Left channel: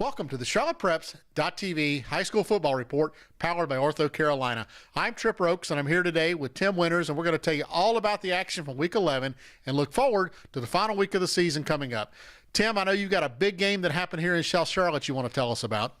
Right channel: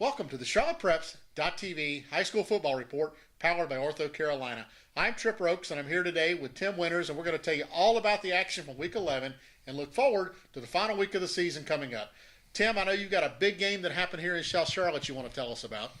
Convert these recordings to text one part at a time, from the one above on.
Welcome to the CharlottePreps.tv High School Football Report, powered by Ortho Carolina. I'm Tripp Roakes, and I'm here today with Tim Winters, and we're going to tell you all about the action from Week 11 and look forward to the final week of the season coming up. Tim, I know you've got a big game that happened here in South Charlotte you want to tell us about.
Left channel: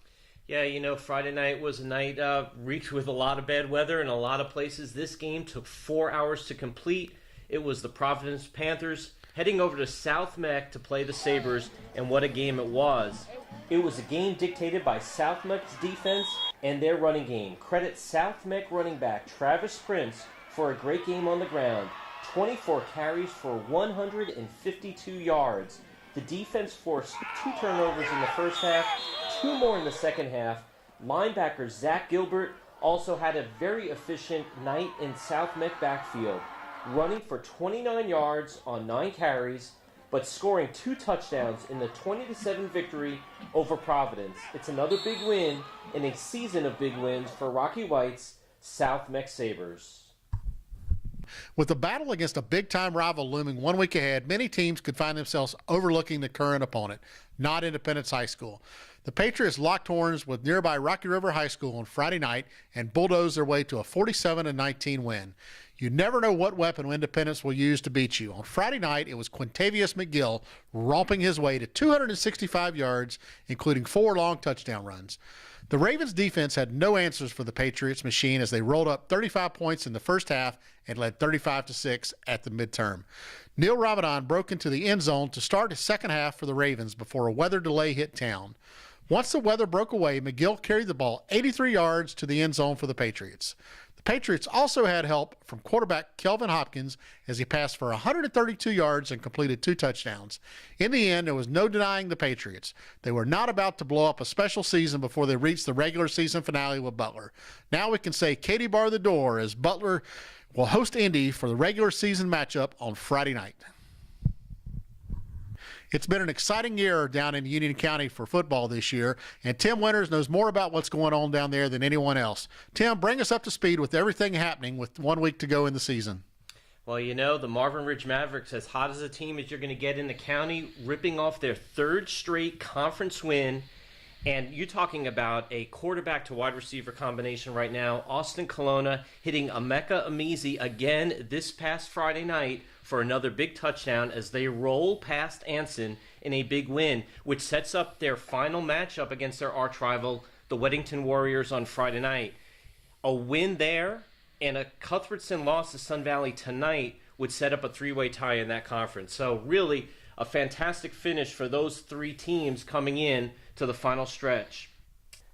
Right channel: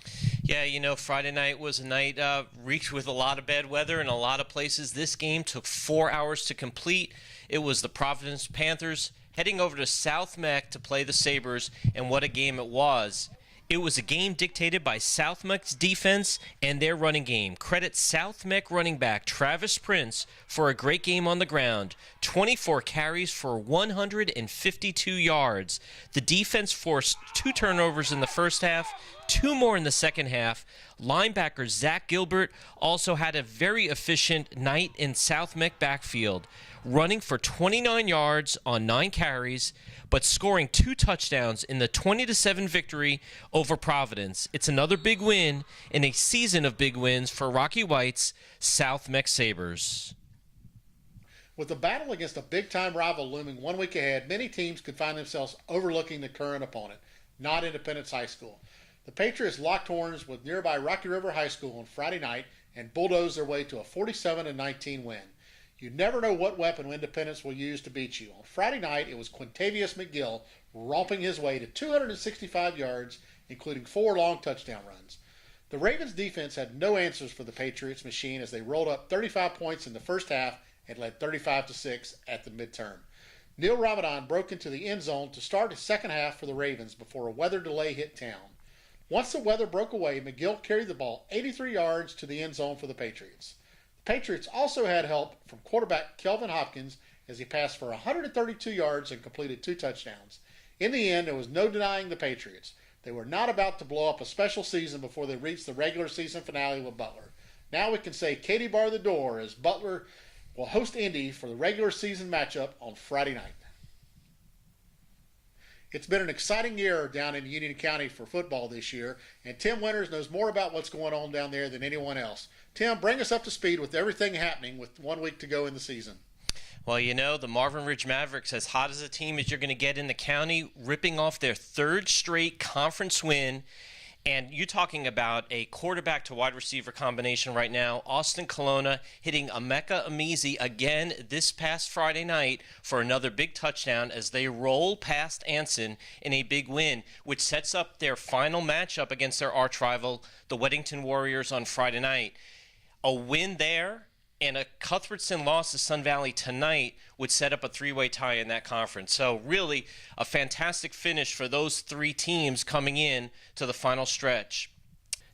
Yeah, you know, Friday night was a night reeked with a lot of bad weather in a lot of places. This game took 4 hours to complete. It was the Providence Panthers heading over to South Meck to play the Sabres, and what a game it was. It was a game dictated by South Meck's defense and their running game. Credit South Meck running back Travis Prince for a great game on the ground. 24 carries for 152 yards. The defense forced 2 turnovers in the first half, 2 more in the second half. Linebacker Zach Gilbert also had a very efficient night in South Meck backfield, running for 29 yards on 9 carries, but scoring 2 touchdowns in the 20-7 victory over Providence. It's another big win in a season of big wins for Rocky White's South Meck Sabres. With the battle against a big-time rival looming 1 week ahead, many teams could find themselves overlooking the current opponent, not Independence High School. The Patriots locked horns with nearby Rocky River High School on Friday night and bulldozed their way to a 47-19 win. You never know what weapon Independence will use to beat you. On Friday night, it was Quintavious McGill romping his way to 265 yards, including 4 long touchdown runs. The Ravens defense had no answers for the Patriots machine as they rolled up 35 points in the first half and led 35-6 at the midterm. Neil Ramadan broke into the end zone to start his second half for the Ravens before a weather delay hit town. Once the weather broke away, McGill carried the ball 83 yards to the end zone for the Patriots. The Patriots also had help from quarterback Kelvin Hopkins as he passed for 132 yards and completed 2 touchdowns. In the end, there was no denying the Patriots. They were not about to blow up a special season before they reached the regular season finale with Butler. Now we can say Katie bar the door as Butler will host Indy for the regular season matchup on Friday night. It's been an exciting year down in Union County for football this year, and Tim Winters knows more about what's going on down there than anyone else. Tim, bring us up to speed with everything happening with 1 week to go in the season. Well, you know, the Marvin Ridge Mavericks, as hot as a team as you're going to get in the county, ripping off their 3rd straight conference win. And you're talking about a quarterback to wide receiver combination right now. Austin Colonna hitting Emeka Amizi again this past Friday night for another big touchdown as they roll past Anson in a big win, which sets up their final matchup against their arch rival, the Weddington Warriors, on Friday night. A win there and a Cuthbertson loss to Sun Valley tonight would set up a 3-way tie in that conference. So really a fantastic finish for those 3 teams coming in to the final stretch.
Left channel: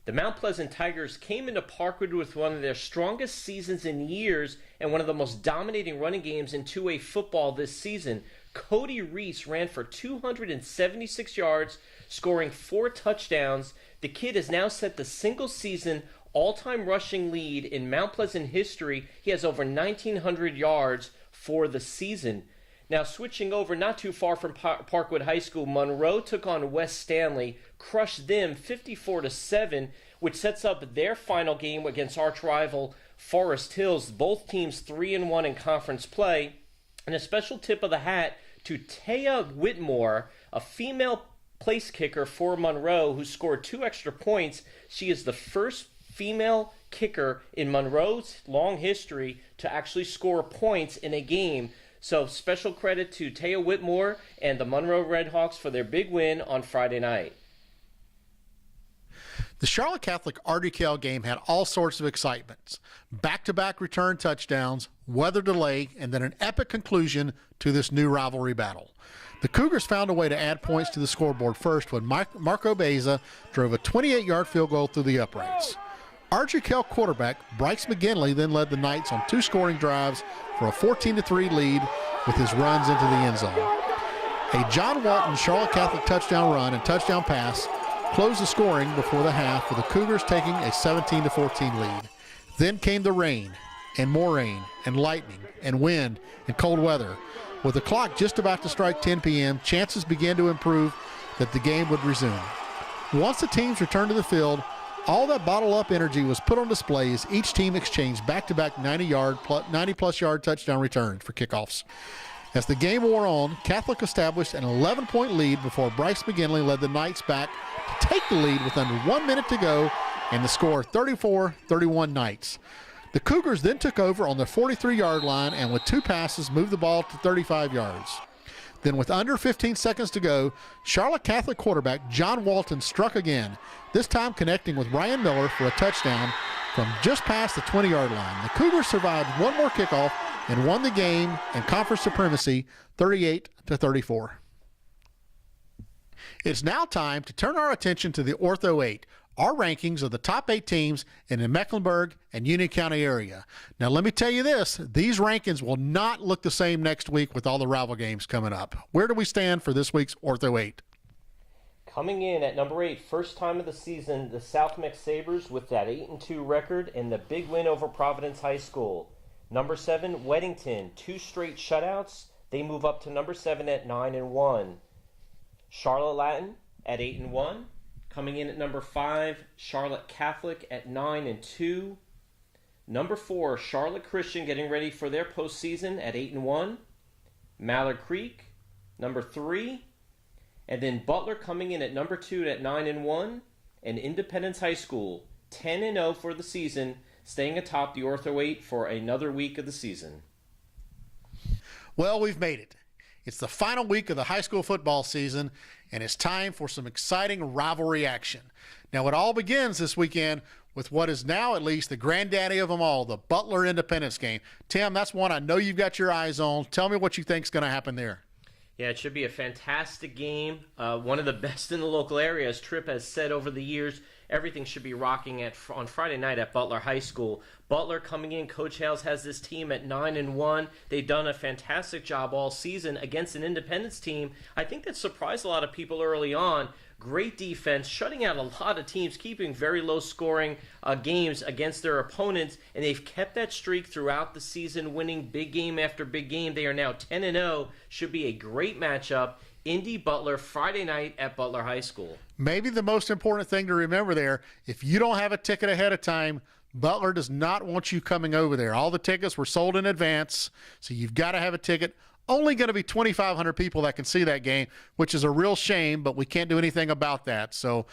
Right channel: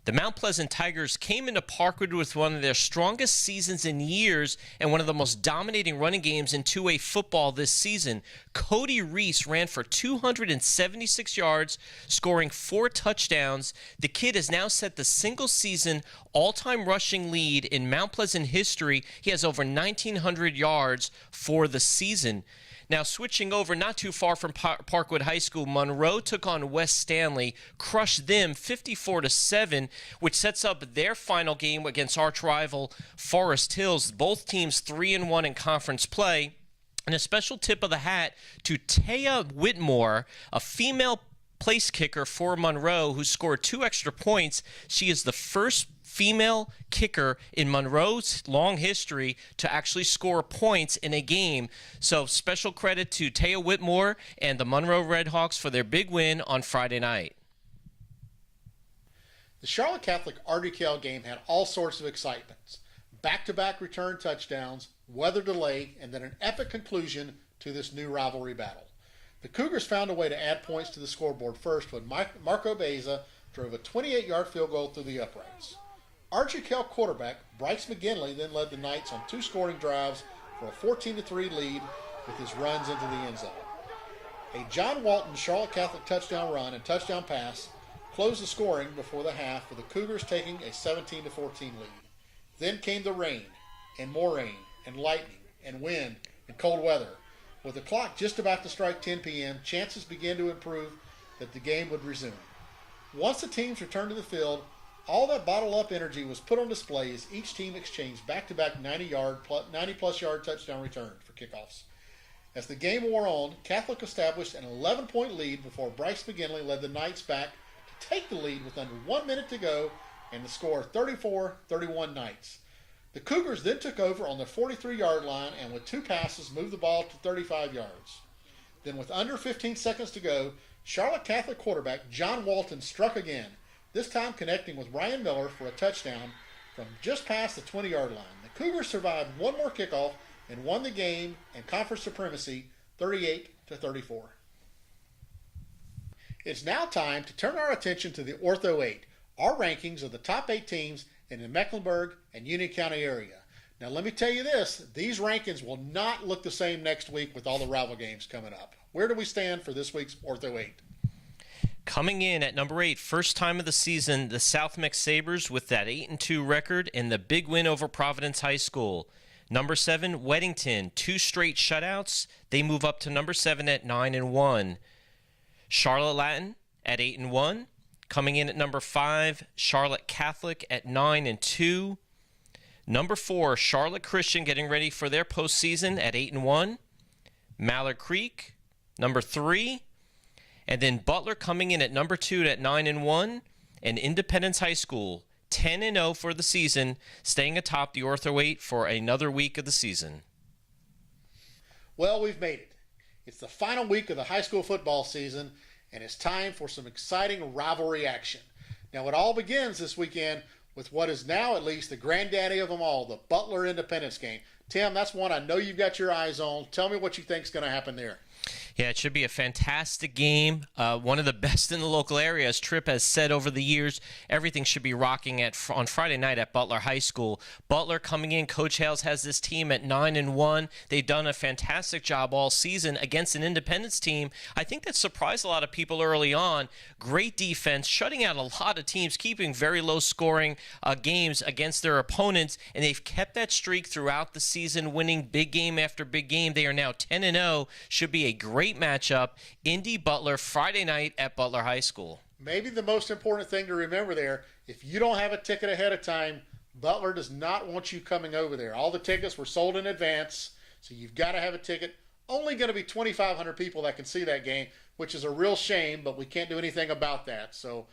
The Mount Pleasant Tigers came into Parkwood with one of their strongest seasons in years and one of the most dominating running games in 2A football this season. Cody Reese ran for 276 yards, scoring 4 touchdowns. The kid has now set the single-season all-time rushing lead in Mount Pleasant history. He has over 1,900 yards for the season. Now, switching over not too far from Parkwood High School, Monroe took on West Stanley, crushed them 54-7, which sets up their final game against arch rival Forest Hills. Both teams 3-1 in conference play. And a special tip of the hat to Taya Whitmore, a female place kicker for Monroe who scored 2 extra points. She is the first female kicker in Monroe's long history to actually score points in a game. So special credit to Taya Whitmore and the Monroe Redhawks for their big win on Friday night. The Charlotte Catholic Ardrey Kell game had all sorts of excitements. Back-to-back return touchdowns, weather delay, and then an epic conclusion to this new rivalry battle. The Cougars found a way to add points to the scoreboard first when Marco Beza drove a 28-yard field goal through the uprights. Ardrey Kell quarterback Bryce McGinley then led the Knights on 2 scoring drives for a 14-3 lead with his runs into the end zone. A John Walton Charlotte Catholic touchdown run and touchdown pass closed the scoring before the half, with the Cougars taking a 17-14 lead. Then came the rain, and more rain, and lightning, and wind, and cold weather. With the clock just about to strike 10 p.m., chances began to improve that the game would resume. Once the teams returned to the field, all that bottled-up energy was put on display as each team exchanged back-to-back 90-plus yard touchdown returns for kickoffs. As the game wore on, Catholic established an 11-point lead before Bryce McGinley led the Knights back to take the lead with under 1 minute to go and the score 34-31 Knights. The Cougars then took over on their 43-yard line and with 2 passes moved the ball to 35 yards. Then with under 15 seconds to go, Charlotte Catholic quarterback John Walton struck again, this time connecting with Ryan Miller for a touchdown from just past the 20-yard line. The Cougars survived one more kickoff and won the game and conference supremacy 38-34. It's now time to turn our attention to the Ortho 8, our rankings of the top 8 teams in the Mecklenburg and Union County area. Now let me tell you this, these rankings will not look the same next week with all the rival games coming up. Where do we stand for this week's Ortho 8? Coming in at number 8, first time of the season, the South Meck Sabres with that 8-2 record and the big win over Providence High School. Number 7, Weddington, 2 straight shutouts. They move up to number 7 at 9-1. Charlotte Latin at 8-1. Coming in at number 5, Charlotte Catholic at 9-2. Number 4, Charlotte Christian getting ready for their postseason at 8-1. Mallard Creek, number 3. And then Butler coming in at number 2 at 9-1. And Independence High School, 10-0 for the season, staying atop the Ortho 8 for another week of the season. Well, we've made it. It's the final week of the high school football season, and it's time for some exciting rivalry action. Now, it all begins this weekend with what is now at least the granddaddy of them all, the Butler Independence game. Tim, that's one I know you've got your eyes on. Tell me what you think is going to happen there. Yeah, it should be a fantastic game. One of the best in the local area. As Tripp has said over the years, everything should be rocking on Friday night at Butler High School. Butler coming in, Coach Hales has this team at 9-1. They've done a fantastic job all season against an Independence team. I think that surprised a lot of people early on. Great defense, shutting out a lot of teams, keeping very low-scoring games against their opponents, and they've kept that streak throughout the season, winning big game after big game. They are now 10-0. Should be a great matchup. Indy Butler, Friday night at Butler High School. Maybe the most important thing to remember there, if you don't have a ticket ahead of time, Butler does not want you coming over there. All the tickets were sold in advance, so you've got to have a ticket. Only going to be 2,500 people that can see that game, which is a real shame, but we can't do anything about that. So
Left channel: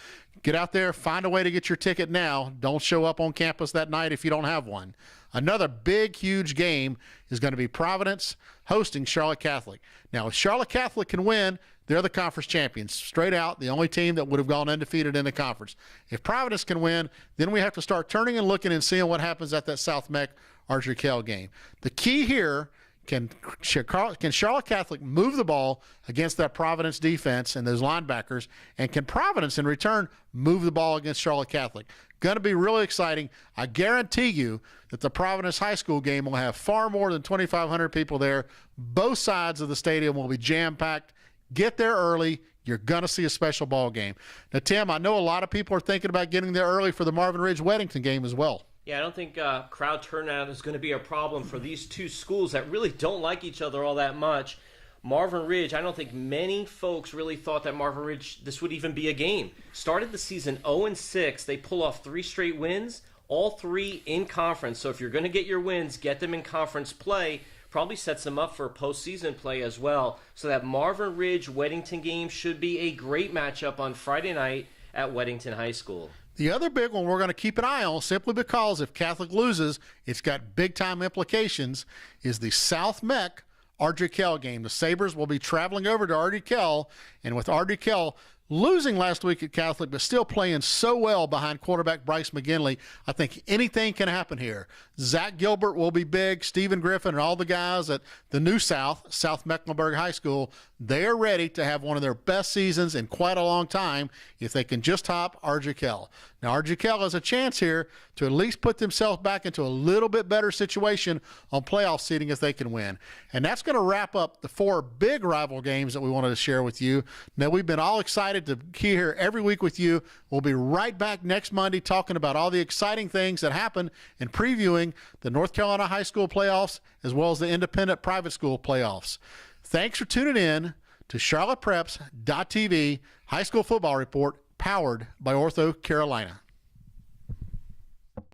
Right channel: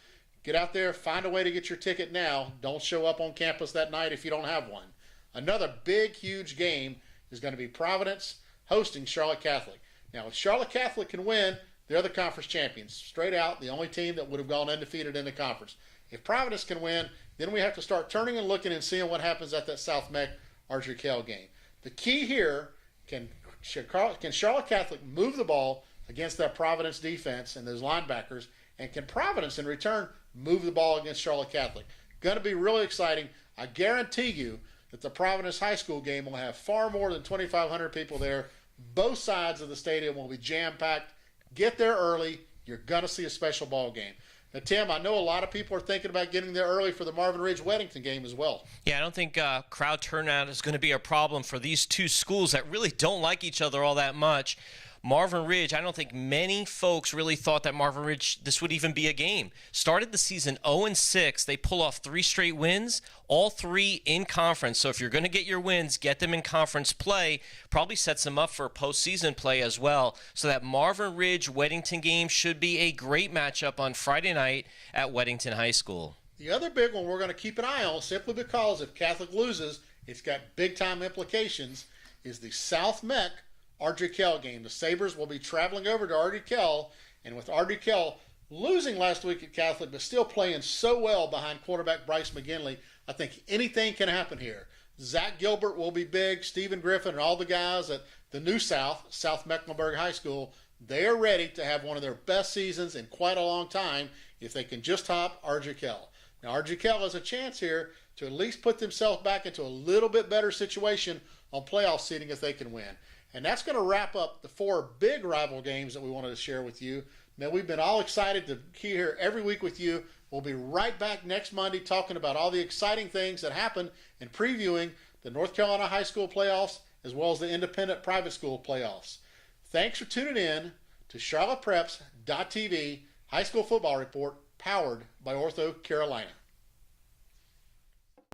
get out there, find a way to get your ticket now. Don't show up on campus that night if you don't have one. Another big, huge game is going to be Providence hosting Charlotte Catholic. Now, if Charlotte Catholic can win, they're the conference champions. Straight out, the only team that would have gone undefeated in the conference. If Providence can win, then we have to start turning and looking and seeing what happens at that South Meck Ardrey Kell game. The key here, can Charlotte Catholic move the ball against that Providence defense and those linebackers, and can Providence in return move the ball against Charlotte Catholic? Going to be really exciting. I guarantee you that the Providence High School game will have far more than 2,500 people there. Both sides of the stadium will be jam-packed. Get there early. You're going to see a special ball game. Now, Tim, I know a lot of people are thinking about getting there early for the Marvin Ridge Weddington game as well. Yeah, I don't think crowd turnout is going to be a problem for these two schools that really don't like each other all that much. Marvin Ridge, I don't think many folks really thought that Marvin Ridge, this would even be a game. Started the season 0-6. They pull off 3 straight wins, all 3 in conference. So if you're going to get your wins, get them in conference play. Probably sets them up for postseason play as well. So that Marvin Ridge Weddington game should be a great matchup on Friday night at Weddington High School. The other big one we're going to keep an eye on, simply because if Catholic loses, it's got big-time implications, is the South Meck Ardrey Kell game. The Sabres will be traveling over to Ardrey Kell, and with Ardrey Kell losing last week at Catholic, but still playing so well behind quarterback Bryce McGinley, I think anything can happen here. Zach Gilbert will be big. Stephen Griffin and all the guys at the new South Mecklenburg High School, they are ready to have one of their best seasons in quite a long time if they can just top Ardrey Kell. Now, Ardrey Kell has a chance here to at least put themselves back into a little bit better situation on playoff seeding if they can win. And that's going to wrap up the 4 big rival games that we wanted to share with you. Now, we've been all excited to be here every week with you. We'll be right back next Monday talking about all the exciting things that happen and previewing the North Carolina high school playoffs as well as the independent private school playoffs. Thanks for tuning in to CharlottePreps.tv High School Football Report, powered by Ortho Carolina.